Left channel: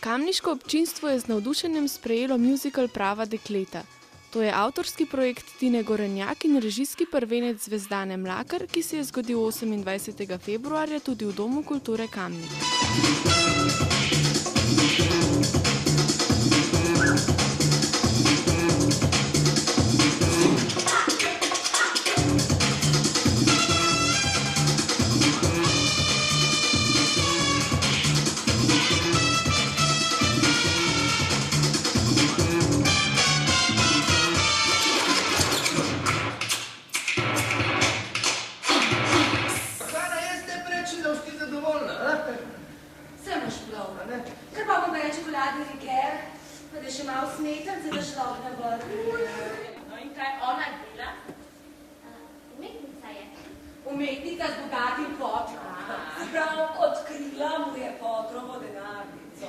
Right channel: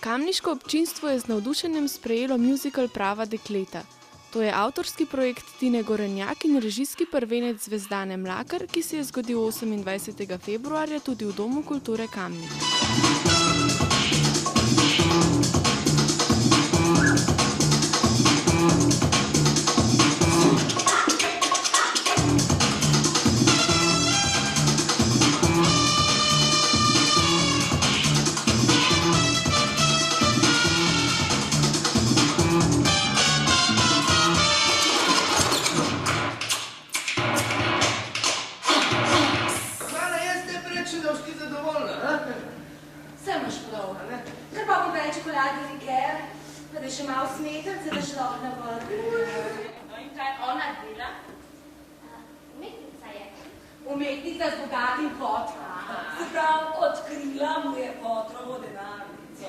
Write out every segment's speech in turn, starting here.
Kamniško občinstvo je z navdušenjem sprejelo muzikal Prava dekleta. To je avtorski projekt Tine Gorenjak in režijski prvenec Zvezdane Mlakar, ki se je zgodil 28. februarja tudi v Domu kulture Kamnik. Sem imaš prav, ker pa bom več čokoladni liker, pa da še malo smetanice, da človek ne vrti. No in kaj ona dela? Umetnica je. Umetnica z bogatim fotrom. Se pravi, odkrila mu je fotrovo denarnico.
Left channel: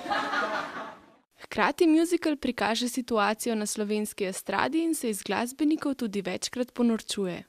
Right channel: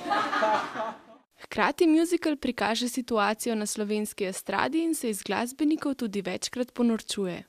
Hkrati muzikal prikaže situacijo na slovenski estradi in se iz glasbenikov tudi večkrat ponorčuje.